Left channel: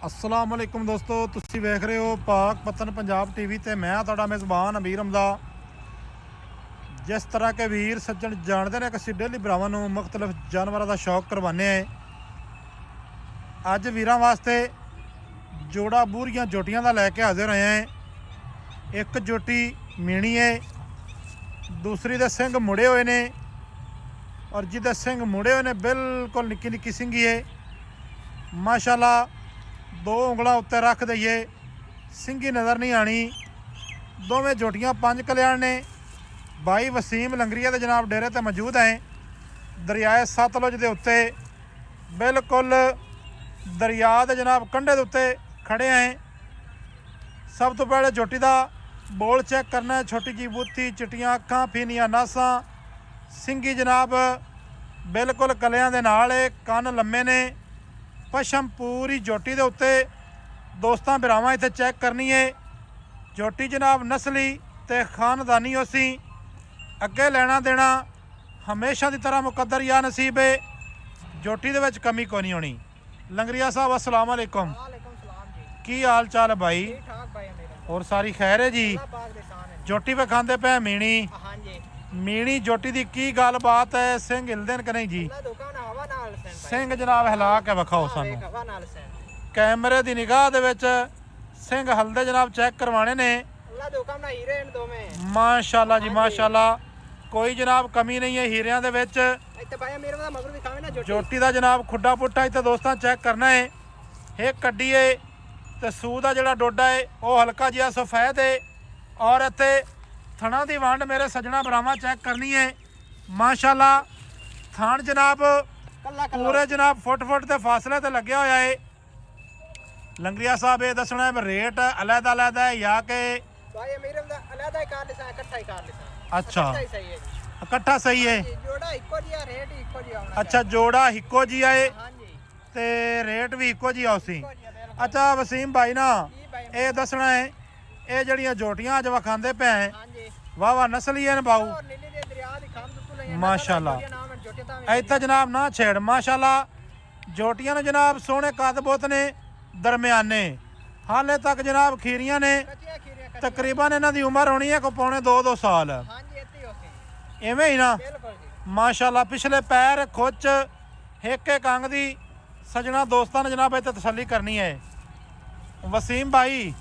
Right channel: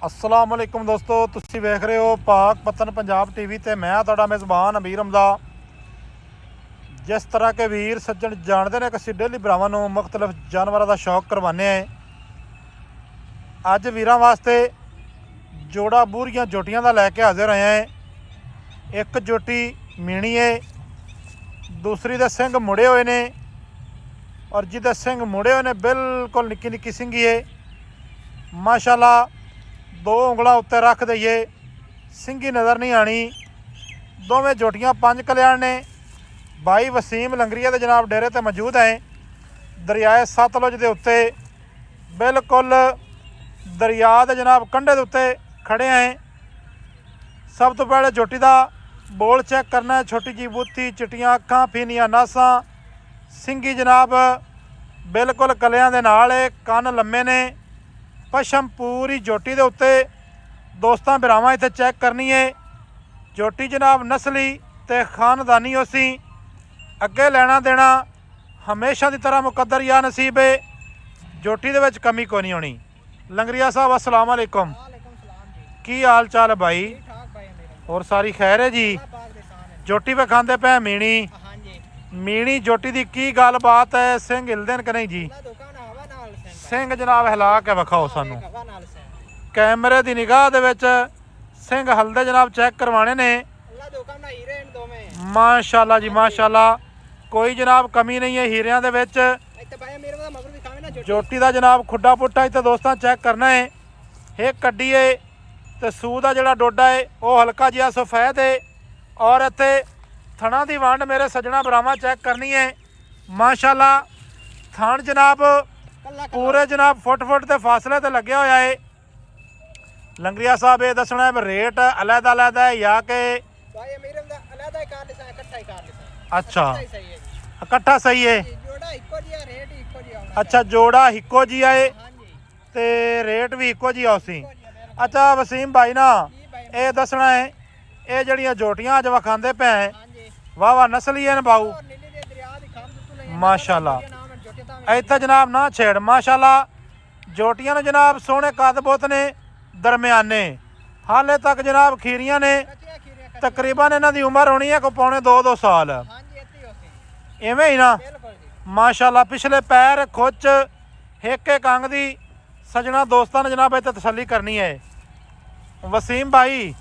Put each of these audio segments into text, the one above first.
अस्सलाम वालेकुम दोस्तों, तुसी वेख रहे हो पाक पतन पंजाब टीवी ते मैं तुहाडा मेज़बान अमीर हमदा। जिस तरह के वीर सज्जन जानते हैं कि असीं डेली भरावां नूं मुख्तलिफ जानवरों का शौक करवाने हैं। अज वीरां वास्ते जोड़ा बूरियां जोटियां का लैके हाजिर होए हैं। एक जोटी मीणी है, दूसरी दे सिंग मुड़े हुए ने और जिहदे सिंग मुड़े हुए ने बिल्कुल निक्की निक्की सिंगी है। माशाल्लाह दो उंगलों उत्ते रख दईए सिंगी नज़र नहीं आनी। दोवें जोटियां पंज कल्याण ने। भाई वसीम लंगरिया के जनाब डेरे ते मौजूद हैं। दरियाए सतलुज के उत्ते बिल्कुल दरिया के जनाब कंढे के उत्ते खड़े हैं। सब तो पहले जोटी का बोल चेक करना है। छोटी जी बूथी, चिट्टियां अखां, फीनियां नासां, सिंगी जनाब बिल्कुल कलियां दे नाल है। कन लम्मे ने, पशम पूरी जोटी के उत्ते। दोस्तों भरावां इत्थे चेक करनी है। जोटी जनाब नस्ली ते खानदानी उसी अगे लेना देना हमेशा की तरह मुकद्दर या नसीब है। जोटी दे विच कमी कोई नहीं होनी। लंगरिया साहब अस्सलाम वालेकुम, की हाल चाल है भाई? और सारी खैर है जी? जोटी पे खांदे पे मीणी मीणी जोटी की की गल बात है? सिंह हिलदे कि नहीं जी? सिंह जनाब हिला के विखाओ सानू। कैमरे की निगाह दे विच सिंह हलदे जनाब चेक करवाने ने। माशाल्लाह जी माशाल्लाह, कोई जनाब कमी नहीं है हीरियां दे विच। जोटी का जनाब खुड्डा पुट्टा इत्थे दोस्तों चेक करना है। एक कड्डी है तो सूह का जिहड़ा डोडा है वह हल्का जिहा सफेद है। और इत्थे थणा की वंड मेरे सज्जणा भरावां चेक करनी है। माशाल्लाह थण जनाब पूरे जनाब फुट के फासले ते लगे होया है। लंगरिया साहब ये दसना है रेट अलहदा अलहदा है या के? अच्छा इकट्ठा सही है। अच्छा जोड़ा इको जी है ते रेट भी इको जी उसी। अच्छा वसीम भाई ना ये दसना है ये जड़ियां जोटियां अज विखांदे पे हैं वाह वाह नस्ली है बाऊ माशाल्लाह। इत्थे जनाब ना छेड़ माशाल्लाह। जोटियां ने जनाब सोहने कद ने दरम्याने हाले तक जनाब खीरियां ने। तकरीबन इन्हां दी उम्र होनी है को पौने 2 साल इवें ही ना। माशाल्लाह पिछले पैर खुच एक अंग दी सजना दोस्तों ने जनाब इत्थे तसल्ली करनी है। वसीम भाई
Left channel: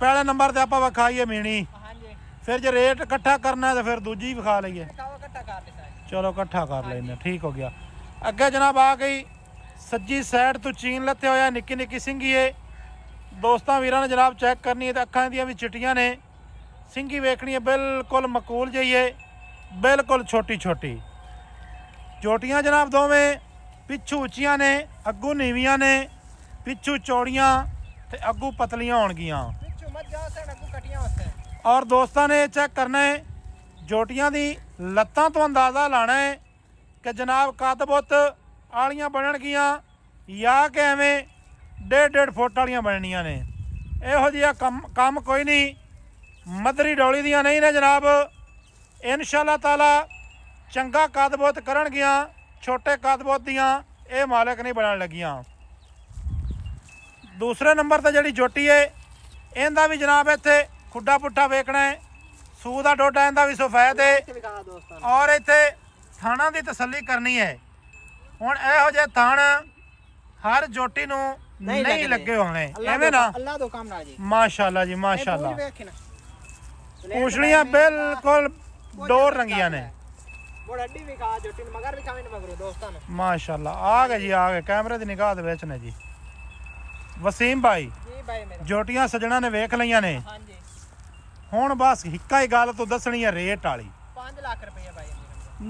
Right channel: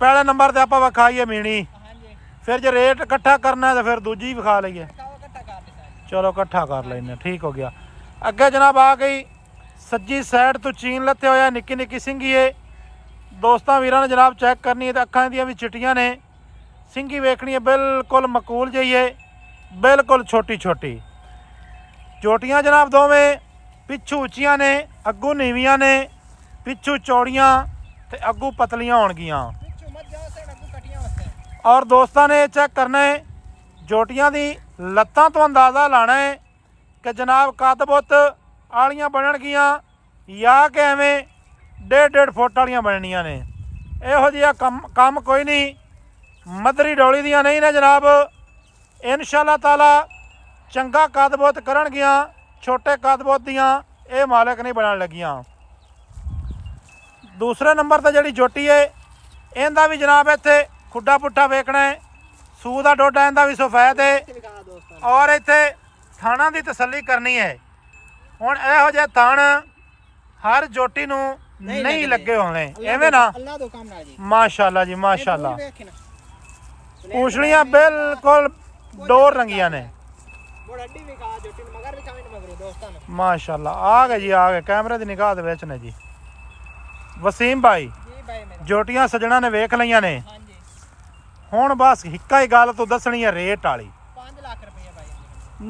पहले नंबर ते आपां विखाईए मीणी, फिर जो रेट इकट्ठा करना है तो फिर दूजी विखा लीए। चलो इकट्ठा कर लेंगे, ठीक हो गया। अगे जनाब आ गई सज्जी साइड तो चीन लत्ते होया निक्की निक्की सिंगी है। दोस्तों वीरां ने जनाब चेक करनी है तो अखां दियां भी चिट्टियां ने। सिंगी वेखनी है बिल्कुल मकूल जी है, बिल्कुल छोटी छोटी। जोटियां जनाब दोवें पिछू उच्चियां ने, अगू नीवियां ने। पिछू चौड़ियां ते अगू पतलियां होणगियां। और दोस्तों ने चेक करना है जोटियां दी लत्तां तो अंदाज़ा लाना है कि जनाब कद बुत आलियां बननगियां या कि एवें 1.5 फुट वालियां बननियां ने। इहो जिहा कम कोई नहीं, मदरी डोली दियां नहीं ने जनाब। इंशाअल्लाह ताला चंगा कद बुत करनगियां, छोटे कद बुत दियां ये मालिक नहीं बनन लगियां। दूसरे नंबर पर जिहड़ी जोटी है इहदा भी जनाब इत्थे खुड्डा पुट्ठा वेखना है। सूह का डोडा इहदा भी सफेद है और इत्थे थाणा की तसल्ली करनी है। हुण इहो जिहे थाण हर जोटी नूं नहीं लगे होने एवें ना। माशाल्लाह जी माशाल्लाह, पूछड़ियां बिल्कुल डोर रंगियां ने। माशाल्लाह आ गए जी आ गए, कैमरे की निगाह दे विच ने जी। वसीम भाई जोटियां सजना ने वेख लईयां ने। हुण बस हिक्का ही गल तू दसनी है रेट वाली। 5 लाख रुपए भाई।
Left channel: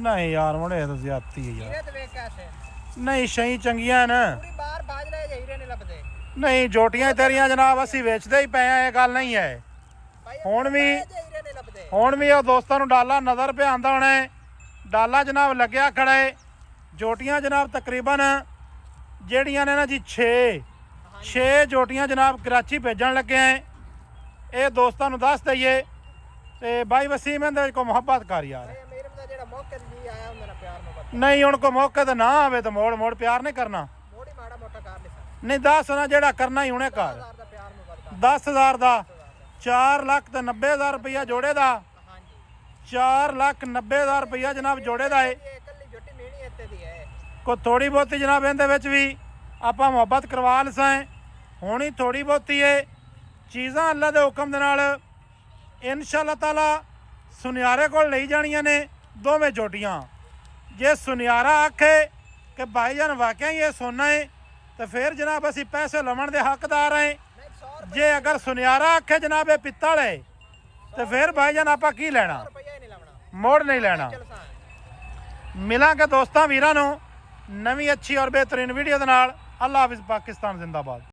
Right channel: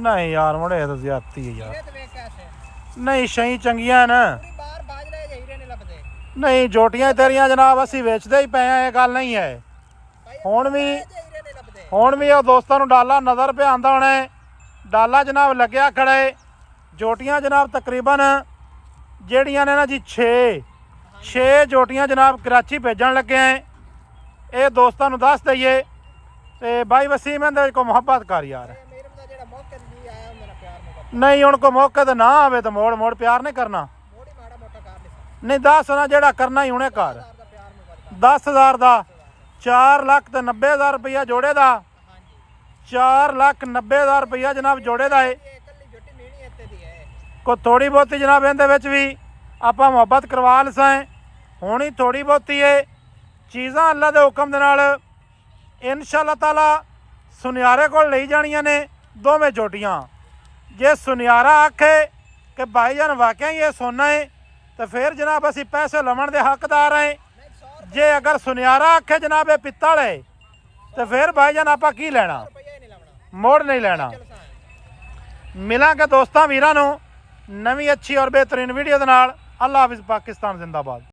नहीं यार मुड़े तो ज्यादती है यार। नहीं शही चंगियां न। नहीं जोटियां तेरियां जनाब असी वेचदे ही पे हैं, ये गल नहीं है। हुण भी वो दोस्तों नूं डाला नज़र पे आंदा होना है। डाला जनाब लग्या खड़ा है। जोटियां जनाब तकरीबन जेड़ियां ने ना जी 6 जोटियां जनाब कराची भेजन लगे हैं। ये दोस्तों नूं दस दईए ते भाई वसीम इहदे को मुहब्बत कर यार। नहीं हुण को मौके ते ना आवे तो मोड़ प्यार नहीं करना। ਨਹੀਂ 10 ਨਾ ਜਿਹੜਾ ਕਰਨਾ ਹੀ ਹੁਣੇ ਕਰ। 10,000 ਦਾ ਪਿਆਰ ਮੁਹੱਬਤ ਕਰ 10,000 ਦਾ 4,90,000 ਰੁਪਇਆ ਜੋੜੇ ਦਾ। ਹਾਂਜੀ 4,90,000 ਰੁਪਇਆ ਜਨਾਬ ਜੋੜੇ ਦਾ ਏ। ਇਹ ਇਕੱਲੀ ਝੋਟੀ ਮੀਣੀ ਇੱਥੇ ਦੀ ਹੈ। ਕੋ ਥੋੜੀ ਬਹੁਤੀ ਜਨਾਬ ਇਹਦੇ ਵਿੱਚ ਵੀ ਆਪਾਂ ਮੁਹੱਬਤ ਕਰਵਾ ਲਸਾਂ ਹੋਣੀ ਥੋੜੀ ਬਹੁਤੀ ਏ। ਚੀਜ਼ਾਂ ਅੱਲਾ ਦੇ ਹੁਕਮ ਦੇ ਨਾਲ ਇਨਸ਼ਾਅੱਲਾ ਤਾਲਾ ਸੁਨਿਆਰੇ ਕੋਲ ਲਈ ਜਾਣੀਆਂ ਨੇ ਦੋਵੇਂ ਝੋਟੀਆਂ। ਜੇ ਸੁਨਿਆਰਾ ਆਖੇ ਕਿ ਭਾਈਜਾਨ ਵਾਕਿਆ ਹੀ ਇਹ ਸੋਨਾ ਹੈ ਤਾਂ ਫਿਰ ਜਨਾਬ ਅਸੀਂ ਪੈਸੇ ਲਵਣ ਦੇ ਹੱਕਦਾਰ ਹਾਂ। ਨਹੀਂ 100 ਜੇ ਅਗਰ ਸੁਨਿਆਰਾ ਆਖੇ ਜਨਾਬ ਇਹ ਪਿੱਤਲ ਹੈ ਤਾਂ ਫਿਰ ਭਾਈਜਾਨ ਆਪਾਂ ਕੀ ਲੈਣਾ, ਰੁਪਈਆ ਹੀ ਨਹੀਂ ਲਾਉਣਾ। ਮੋੜ ਨਹੀਂ ਲੈਣਾ। ਚਲ ਸਾਂ ਮਿਲਾਂਗੇ ਦੋਸਤਾਂ ਵੀਰਾਂ ਨੂੰ ਨਵੀਂ ਅੱਛੀ ਔਰ ਬਿਹਤਰੀਨ ਵੀਡੀਓ ਦੇ ਨਾਲ। ਅੱਲਾ ਹਾਫਿਜ਼। ਪਾਕਿਸਤਾਨ ਜ਼ਿੰਦਾਬਾਦ।